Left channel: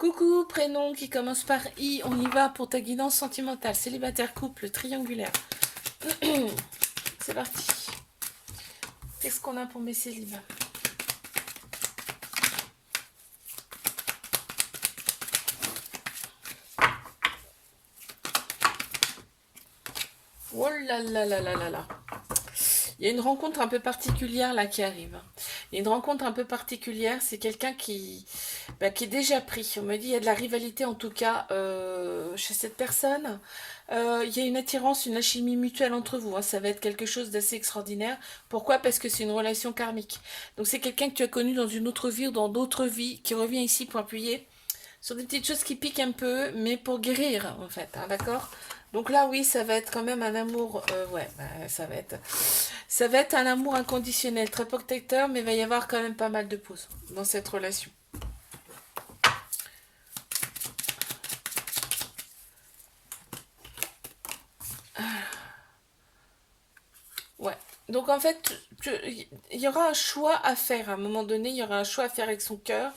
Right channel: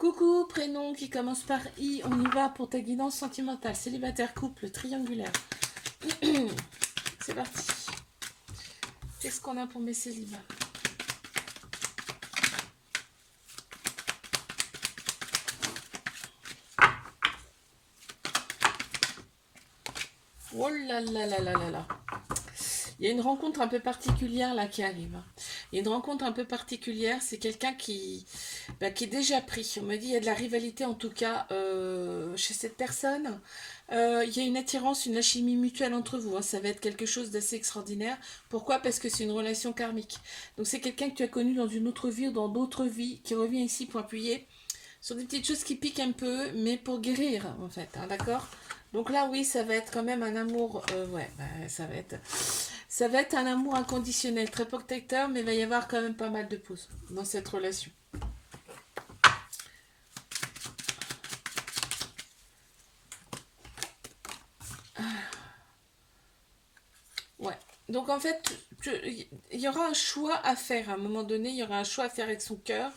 Coucou, prénom qui commence par I, on y va pour ta guidance sentimentale, célibataire, couple, triangulaire. C'est parti. Qu'est-ce qu'on a pour mes célibats? Oh là là là là là là. Il y a une rencontre un peu particulière là qui arrive. Il y a une rencontre un peu particulière, c'est quelqu'un qui est déjà pris. On me dit qu'il y a de la rivalité en tout cas chez cette personne. Il y a une attirance, une alchimie mutuelle entre vous. Hein. Ça va être quelque chose d'assez extraordinaire. Pourquoi? Parce que c'est une relation karmique. Donc c'est quelqu'un que tu as connu dans une autre vie ou dans d'autres vies qui revient ici pour appuyer sur des petites choses qui piquent un peu, mais pour guérir en fait. Hein, d'accord? Donc là, oui, ça va être quand même un amour. Ça va être un amour inconditionnel, très protecteur, mais il va y avoir quand même pas mal de pauses dans cette relation. Ouais. Donc en fait, il y aura un choix à faire à un moment donné. Il y aura un choix à faire avec son cœur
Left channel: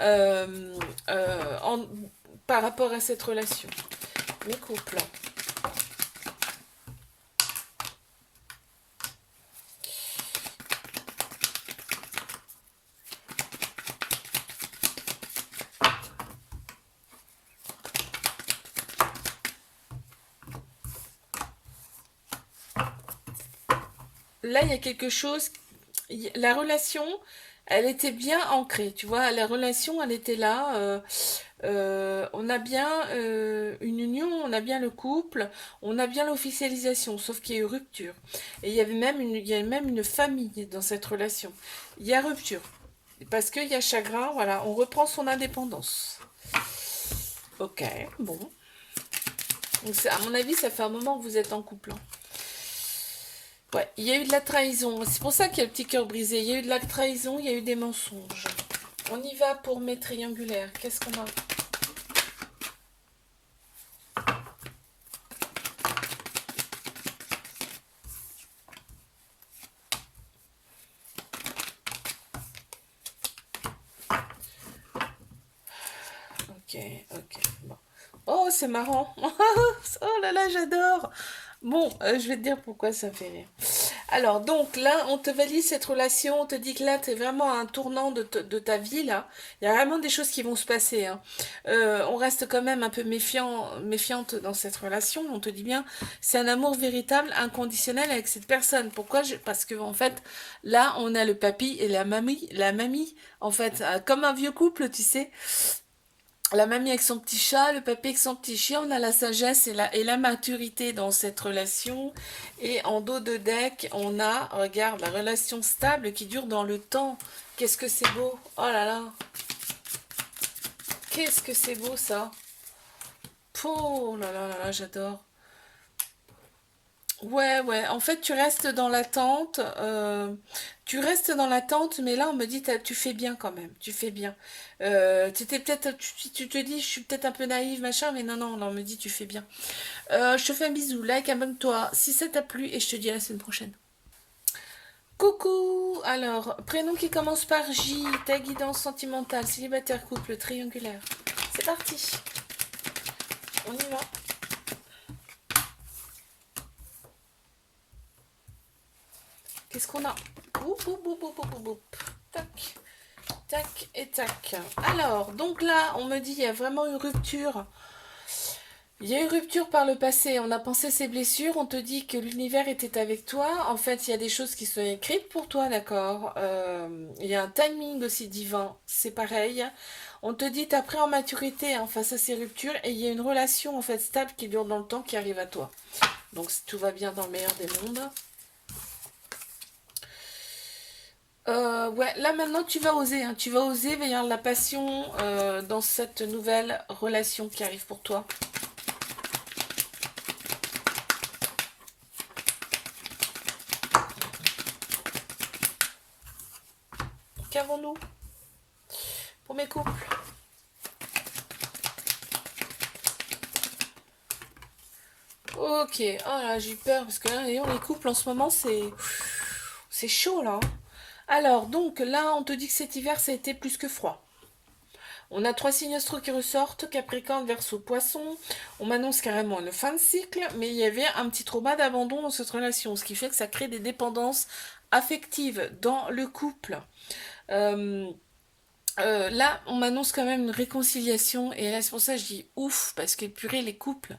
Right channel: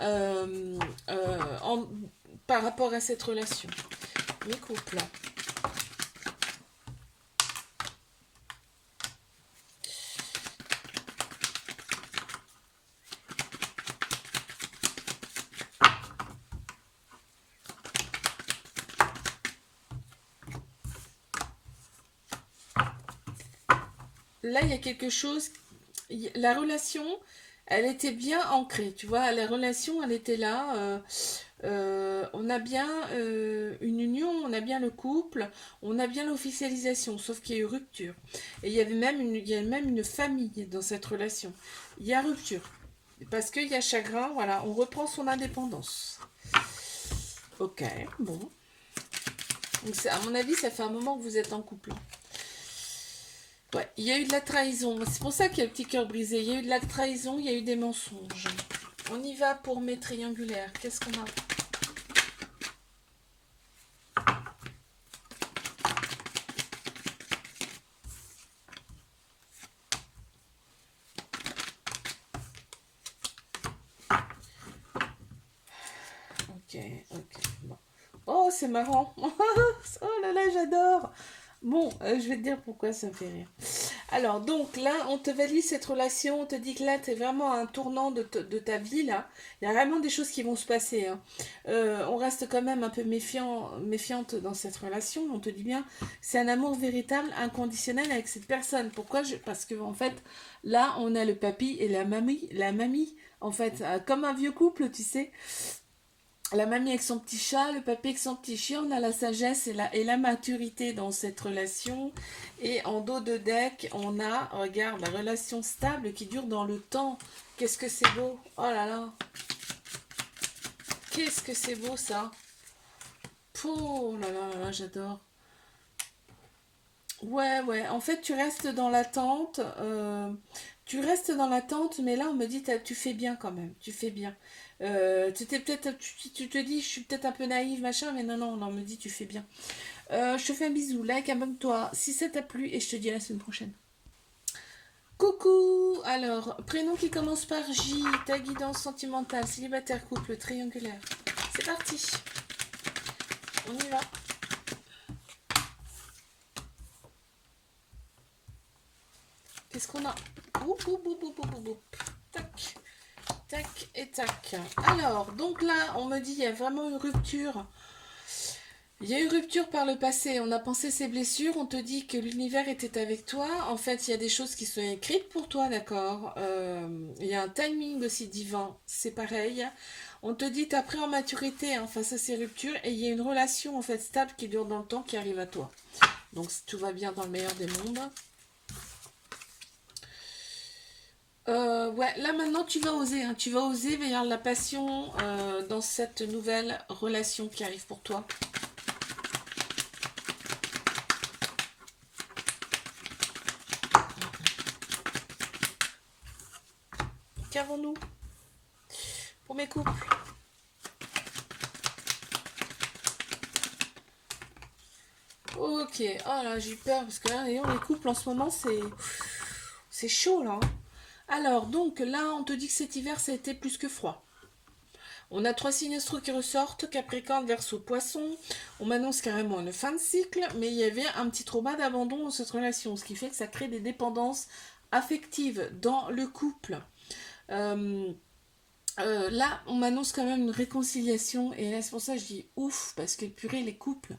euh, en, par rapport à cette relation. Mes couples. Là, il y a quelque chose. La relation, elle était bien ancrée, tu vois. La relation, elle était là. On a bien une union, on a bien le couple, on a bien l'officialisation, sauf qu'il y a eu rupture. Et il y a même une famille dans cette relation. Il y a rupture. Parce qu'il y a chagrin, voilà, on reprend son indépendance. Ok, bon. Donc, à mon avis, ça fait un moment que vous êtes en couple. Hein. Ouais, il y a eu de la trahison. C'est pour ça qu'il y a le petit cœur brisé. Il y a eu de la trahison, il y a eu des mensonges. On y va pour mes triangulaires. Qu'est-ce qu'on a? Ok, ok. Bon. Oh, c'est marrant. Oh là là, j'adore. Bon, je vais te dire pourquoi ça me fait rire. Alors, donc là, on te valide cette relation, on te dit que là, tu es vraiment à un tournant de ta vie, là. Il y a vraiment des choses qui vont se passer. Hein. On reste quand même un peu méfiante dans cette relation. On te dit bien, c'est un amour véritable, inconditionnel avec cette personne. Pourquoi? Parce que, en fait, là, on a le papy et la mamie. La mamie, en fait, comme un vieux couple, tu sais. La mamie avec son petit chat, le papy avec son petit chien, on a la sagesse et la maturité dans cette relation. Et en dos de deck, on a, regarde, la relation stable qui dure dans le temps. Qu'est-ce que c'est beau! Oh là là! Qu'est-ce que c'est beau ça! Oh là là là là, j'adore! Ouais, ouais, en fait, tu restes dans l'attente. Tu restes dans l'attente, mais là, on me dit, tu fais bien quand même. Tu fais bien. Tu te dis, je suis peut-être un peu naïve, machin, mais non, non, non, on me dit, tu fais bien. Je te fais un bisou, like, abonne-toi si ça t'a plu, et je te dis à la semaine prochaine. Coucou! Alors, prénom qui commence par J, ta guidance sentimentale, célibataire, couple, triangulaire. C'est parti, on y va. Qu'est-ce qu'on a? Oup, oup, oup, oup, oup, oup. Tac, tac et tac. Alors, donc là, on me dit, il y a vraiment une rupture. Il y a eu rupture par le passé, on a pensé ces blessures, on te dit que l'univers était avec toi. En fait, il y a des choses qui sont écrites pour toi, d'accord. Il y a un timing aussi divin, c'est pareil. On te dit, t'as pris en maturité hein, face à ces ruptures et il y a une relation en fait stable qui dure dans le temps qui arrive à toi. Donc tout va bien dans le meilleur des mondes. Ouais, là maintenant tu vas oser, hein, tu vas oser, il va y avoir de la passion dans cette nouvelle relation qui arrive pour toi. Qu'avons-nous pour mes couples? Ok, oh là j'ai eu peur parce que là, les couples en ce moment c'est chaud là. Hein. Alors donc là on te dit que cet hiver ça a été plus que froid. On a 3 signes astro qui ressortent, Capricorne, Verseau, Poisson. On m'annonce carrément une fin de cycle, mais il y avait un petit trauma d'abandon dans cette relation, ce qui fait que ça crée des dépendances affectives dans le couple. Euh, Là, on m'annonce quand même une réconciliation, et là, c'est pour ça que je dis ouf, parce que purée, les couples,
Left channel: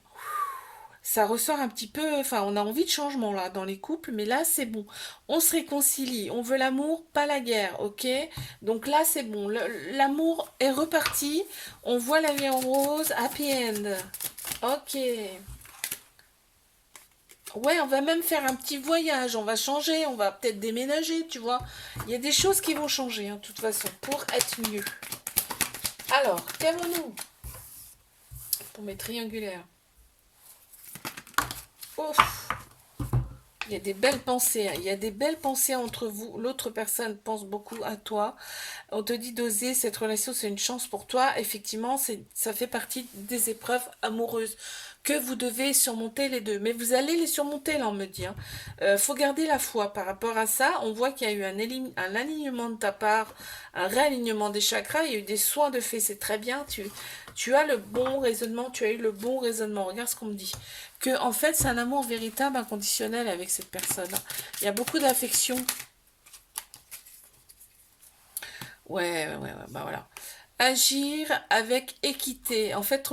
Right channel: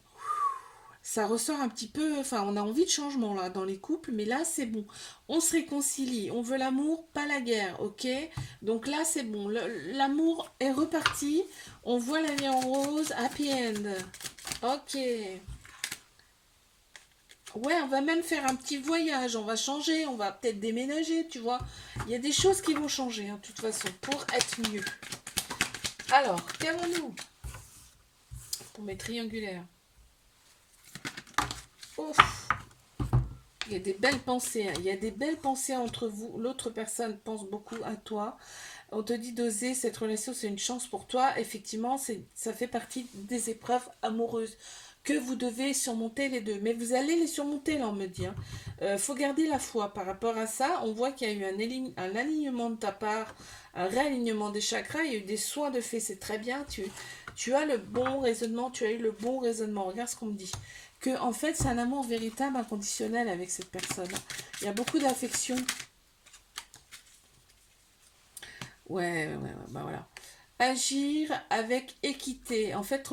ça ressort un petit peu, enfin, on a envie de changement là dans les couples, mais là, c'est bon. On se réconcilie, on veut l'amour, pas la guerre, ok? Donc là, c'est bon, l'amour est reparti, on voit la vie en rose, happy end. Ok. Ouais, on va même faire un petit voyage, on va changer, on va peut-être déménager, tu vois. Il y a des choses qui vont changer, hein, de toute façon, pour être mieux. Alors, qu'avons-nous pour mes triangulaires? Ouf, il y a des belles pensées, hein. Il y a des belles pensées entre vous. L'autre personne pense beaucoup à toi. On te dit d'oser, cette relation, c'est une chance pour toi. Effectivement, ça fait partie des épreuves amoureuses que vous devez surmonter les deux. Mais vous allez les surmonter, là, on me dit, hein. Faut garder la foi par rapport à ça. On voit qu'il y a eu un alignement de ta part, un réalignement des chakras. Il y a eu des soins de fait, c'est très bien. Tu as le bon raisonnement, tu as eu le bon raisonnement. Regarde ce qu'on me dit. Que, en fait, c'est un amour véritable, inconditionnel avec cette personne. Il y a beaucoup d'affection. Ouais, bah voilà. Agir avec équité. En fait,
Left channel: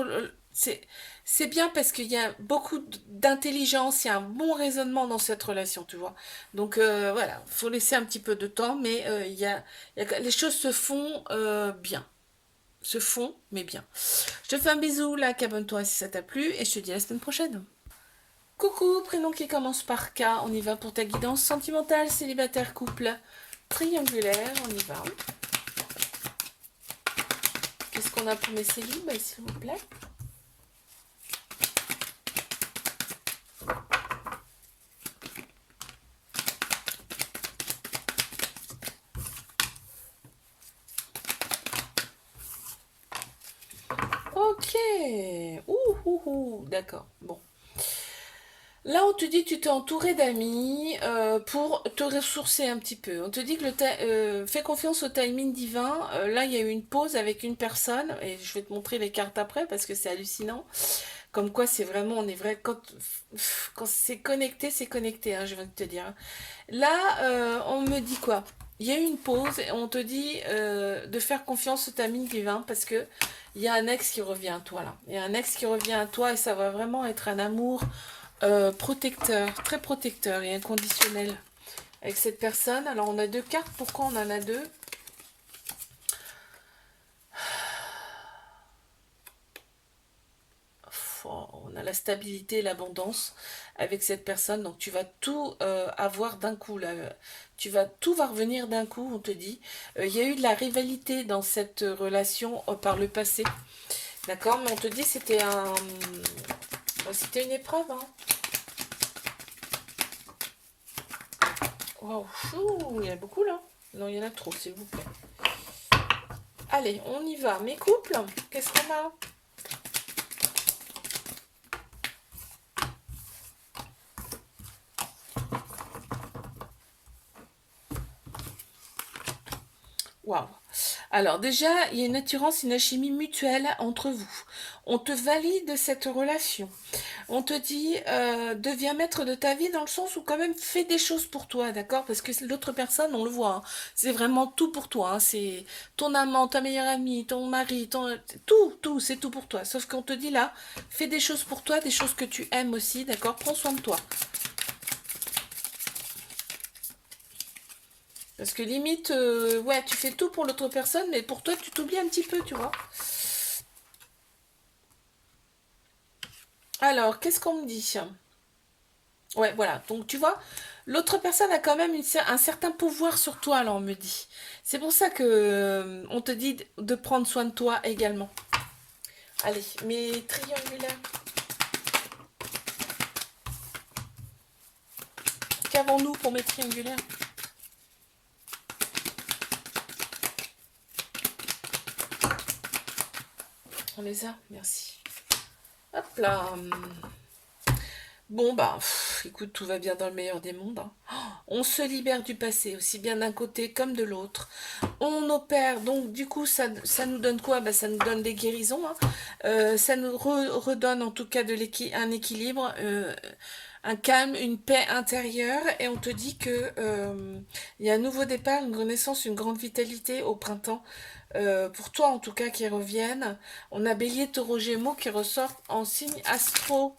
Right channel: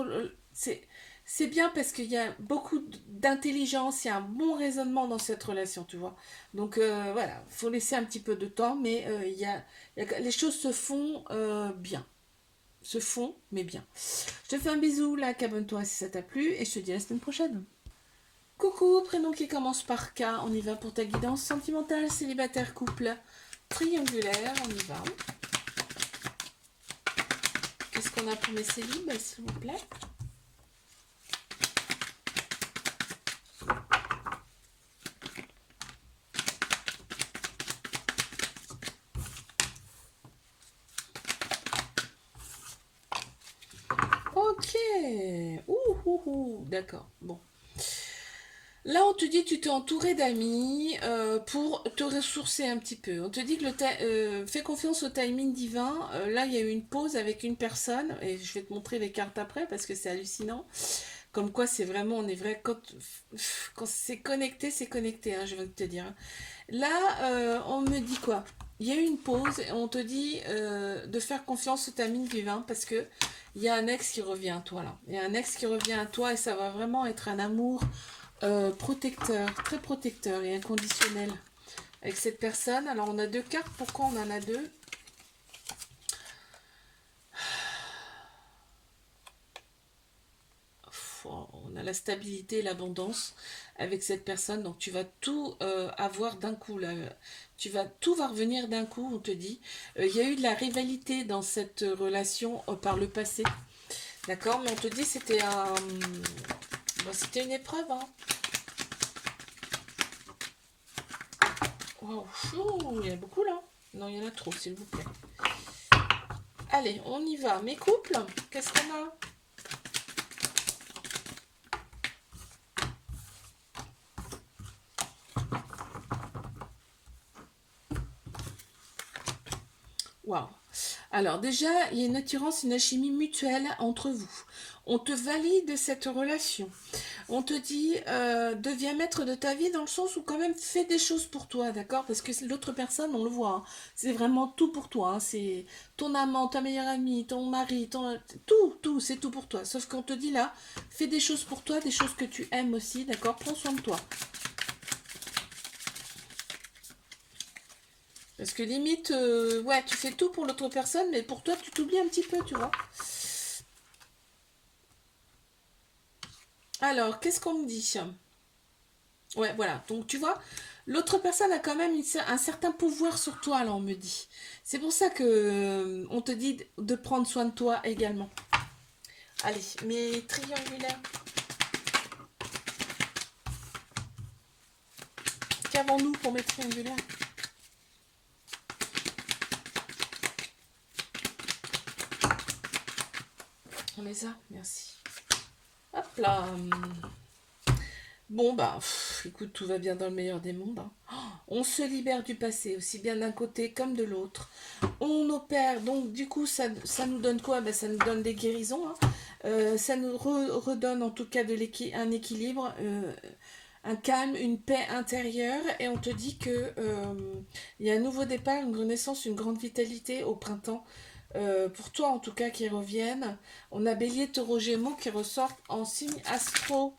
c'est bien parce qu'il y a beaucoup d'intelligence, il y a un bon raisonnement dans cette relation, tu vois. Donc voilà, il faut laisser un petit peu de temps, mais les choses se font bien. Se font, mais bien. Je te fais un bisou, là, abonne-toi si ça t'a plu, et je te dis à la semaine prochaine. Coucou, prénom qui commence par K, on y va pour ta guidance sentimentale, célibataire, couple, triangulaire, on y va. Qu'est-ce qu'on a pour mes célibes, s'il vous plaît? Ok. D'accord. Bon. Là, on te dit que tu t'es entouré d'amis pour te ressourcer un petit peu. On te dit que fais confiance au timing divin. Là, il y a eu une pause avec une personne et je vais te montrer les cartes après parce que c'est hallucinant. Comme quoi, c'est vraiment, on est vrai, quand c'est connecté, hein, je viens de te dire. Là, on me dit quoi? Il y a eu une pause et on te dit de faire confiance au timing divin parce que il y a un ex qui revient à toi là. Il y a un ex qui revient à toi et ça va vraiment être un amour protecteur, très protecteur et inconditionnel avec cette personne. Alors on a 2 cartes, pourquoi on en a 2? On a la stabilité et l'abondance avec cette personne, donc tu vas tout avoir d'un coup là. Tout va revenir d'un coup, on te dit. Il y a eu de la rivalité dans cette relation par le passé, d'accord, mais on te dit c'était une épreuve, hein. Waouh, il y en a beaucoup là. Non, il y en a trop, s'il vous plaît. Allez, on y va. Mes couples, qu'est-ce qu'on a? Waouh. Alors déjà, il y a une attirance, une alchimie mutuelle entre vous. On te valide cette relation. On te dit, deviens maître de ta vie dans le sens où quand même fais des choses pour toi, d'accord? Parce que l'autre personne, on le voit, hein, c'est vraiment tout pour toi, hein. C'est ton amant, ta meilleure amie, ton mari, tout, c'est tout pour toi. Sauf qu'on te dit là, fais des choses pour toi, des choses que tu aimes aussi, d'accord? Prends soin de toi. Parce que limite, ouais, tu fais tout pour l'autre personne, mais pour toi, tu t'oublies un petit peu, tu vois. Alors, qu'est-ce qu'on me dit? Ouais, voilà. Donc, tu vois, l'autre personne a quand même un certain pouvoir sur toi, là, on me dit. C'est pour ça que on te dit de prendre soin de toi également. Allez, mes triangulaires. Qu'avons-nous pour mes triangulaires? On les a, merci. Hop là. Bon, bah, écoute, tout va bien dans le meilleur des mondes, hein. On se libère du passé, aussi bien d'un côté comme de l'autre. On opère, donc du coup, ça nous donne quoi? Ben, ça nous donne des guérisons, hein. Ça nous redonne en tout cas un équilibre, un calme, une paix intérieure. Et on te dit que il y a un nouveau départ, une renaissance, une grande vitalité au printemps. Pour toi en tout cas qui reviennent. On a Bélier, Taureau, Gémeaux qui ressortent en signe astro.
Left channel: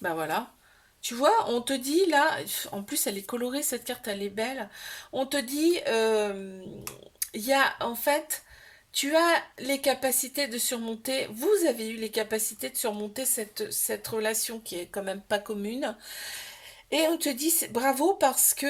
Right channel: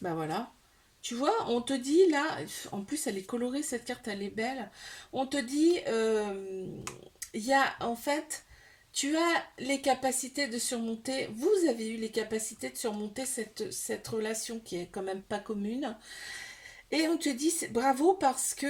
Ben voilà. Tu vois, on te dit là, en plus elle est colorée cette carte, elle est belle. On te dit, il y a en fait, tu as les capacités de surmonter, vous avez eu les capacités de surmonter cette relation qui est quand même pas commune. Et on te dit bravo parce que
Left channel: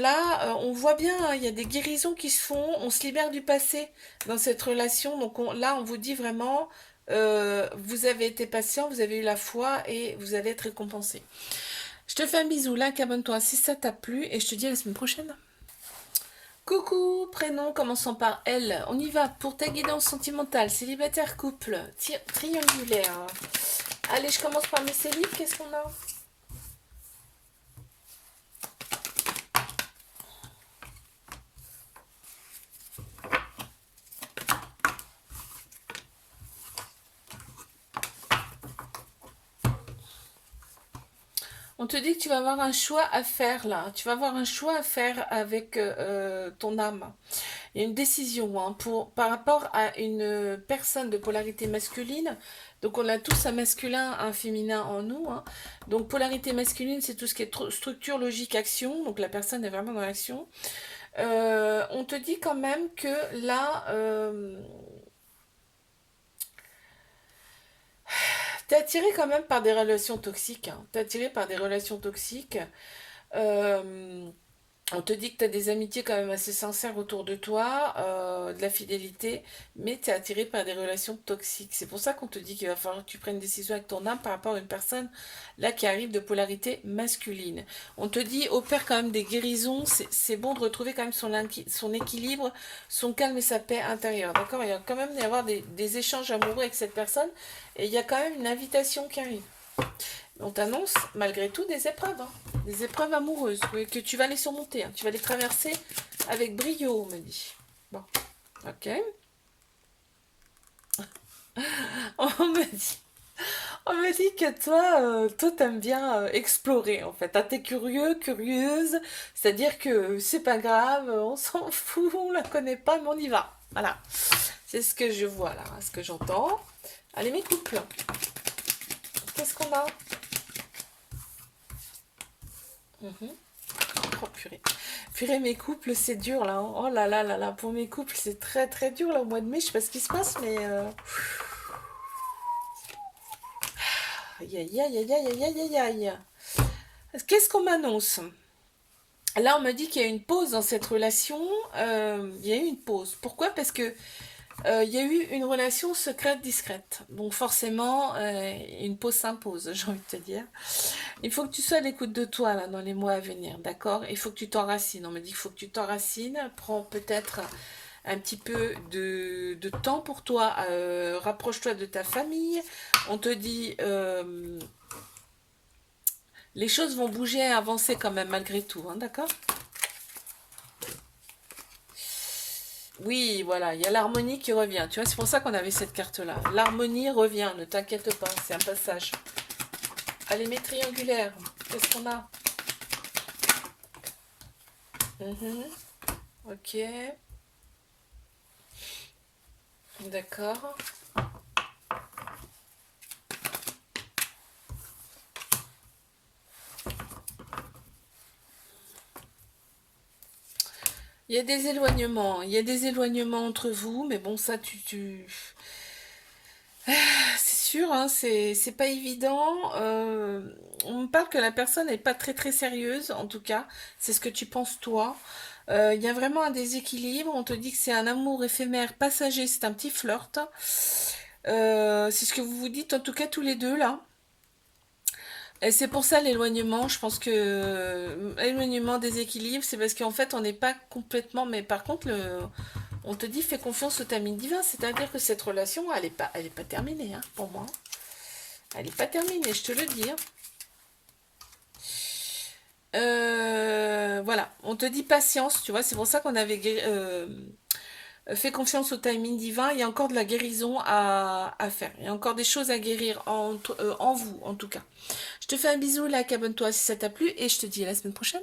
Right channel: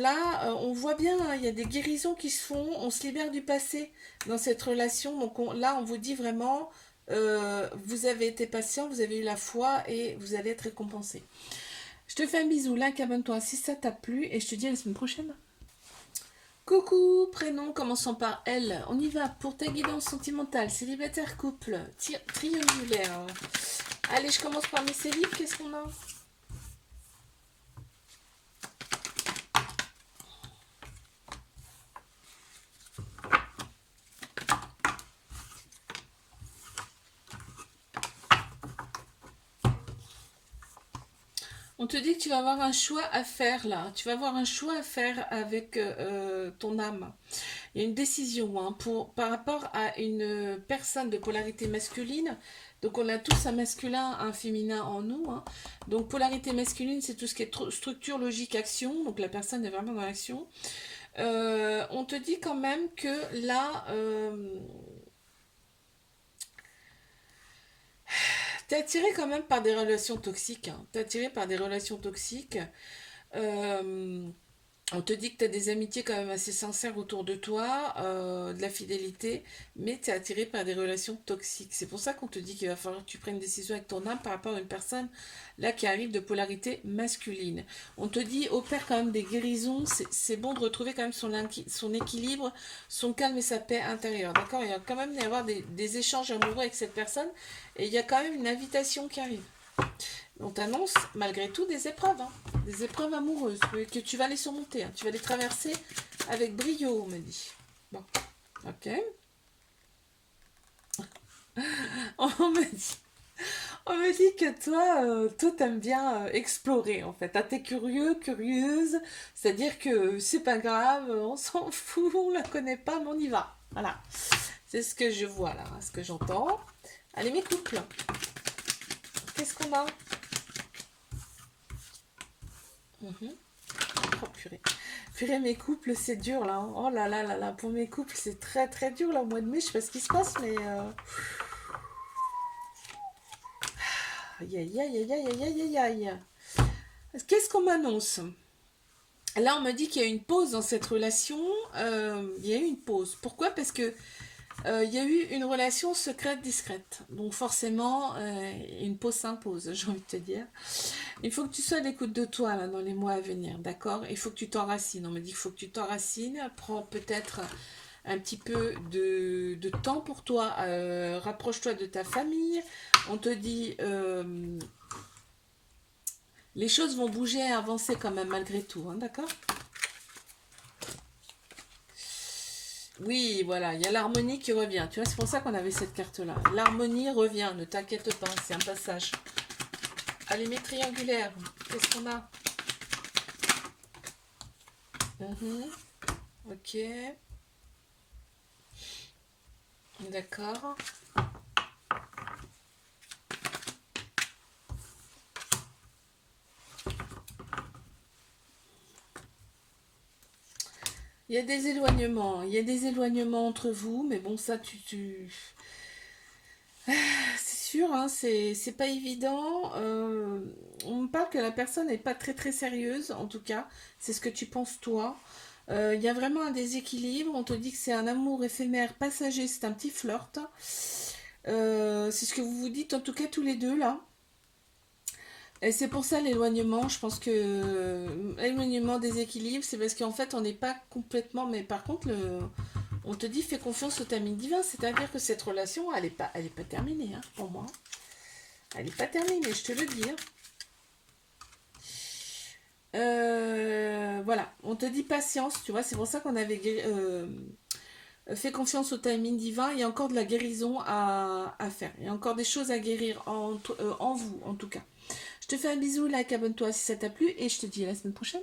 là, on voit bien, hein, il y a des guérisons qui se font, on se libère du passé dans cette relation. Donc là, on vous dit vraiment, vous avez été patient, vous avez eu la foi et vous allez être récompensé. Je te fais un bisou, like, abonne-toi si ça t'a plu et je te dis à la semaine prochaine. Coucou, prénom commençant par L. On y va pour ta guidance sentimentale, célibataire, couple, triangulaire. Allez, je commence par mes célibes, qu'est-ce qu'on a? On te dit que tu vas avoir un choix à faire là. Tu vas avoir un choix à faire avec ton âme. Il y a une décision hein, par rapport à une personne de polarité masculine. Donc on a tous un masculin, un féminin en nous, hein. Donc polarité masculine, c'est tout ce qui est structure, logique, action. Donc la personne est vraiment dans l'action. On te dit quand même que là, t'es attiré quand même par des relations toxiques, hein. T'es attiré par des relations toxiques. Euh, On te dit que tu as des amitiés quand même assez sincères autour de toi, de la fidélité, mais tu es attiré par des relations toxiques. C'est pour ça qu'on te dit qu'il va falloir que tu prennes une décision avec ton âme par rapport à une personne là qui arrive de polarité masculine. On te dit, opère quand même des guérisons, c'est bon de retrouver quand même son équilibre, son calme et sa paix intérieure. D'accord? Il y a quand même y avoir des échanges amoureux avec cette personne et il y a quand même une invitation qui arrive. On t'annonce malgré tout des épreuves, hein, des épreuves amoureuses que tu vas les surmonter, hein, tu vas les traverser avec brio, on me dit. Bon, ok. On me dit, on me dit que toi t'aimes bien explorer en fait. Ah, t'es curieux, curieuse, c'est-à-dire que c'est pas grave, on s'en fout, on la connaît pas, mais on y va. Voilà, c'est ce que je vois là, ce que j'entends. Allez mes couples, qu'est-ce qu'on a? Mhm. Oh purée. Purée, mes couples, c'est dur là, hein. Oh là là là là, pour mes couples, c'est très très dur là au mois de mai. Je sais pas ce qui se passe, mais. Aïe aïe aïe aïe aïe aïe aïe aïe. Qu'est-ce qu'on m'annonce? Là, on me dit qu'il y a une pause dans cette relation. Il y a eu une pause. Pourquoi? Parce que il y a eu une relation secrète discrète. Donc forcément, une pause s'impose, j'ai envie de te dire. Il faut que tu sois à l'écoute de toi là dans les mois à venir, d'accord? Il faut que tu t'enracines. On me dit qu'il faut que tu t'enracines. Prends peut-être un petit peu de temps pour toi. Rapproche-toi de ta famille. On te dit les choses vont bouger et avancer quand même malgré tout, hein, d'accord? Oui, voilà, il y a l'harmonie qui revient. Tu vois, c'est pour ça qu'on avait cette carte-là. L'harmonie revient, ne t'inquiète pas, c'est un passage. Allez, mes triangulaires, qu'est-ce qu'on a? Mhm. Ok, d'accord. Il y a des éloignements entre vous, mais bon, ça, c'est sûr, hein, c'est pas évident. On me parle que la personne n'est pas très très sérieuse, en tout cas, c'est ce que tu penses toi. Il y a vraiment un déséquilibre. On te dit que c'est un amour éphémère, passager, c'est un petit flirt. C'est ce que vous vous dites, en tout cas, tous les deux là. Et c'est pour ça l'éloignement. Je pense que éloignement, déséquilibre, c'est parce qu'en fait, on n'est pas complètement. Mais par contre, on te dit fais confiance au timing divin, c'est-à-dire que cette relation, elle est pas terminée, hein, pour moi. Elle n'est pas terminée, je te le dis. Hein. Voilà, on te dit patience, tu vois, c'est pour ça qu'on avait fait confiance au timing divin. Il y a encore de la guérison à faire. Il y a encore des choses à guérir en vous, en tout cas. Je te fais un bisou, like, abonne-toi si ça t'a plu et je te dis à la semaine prochaine.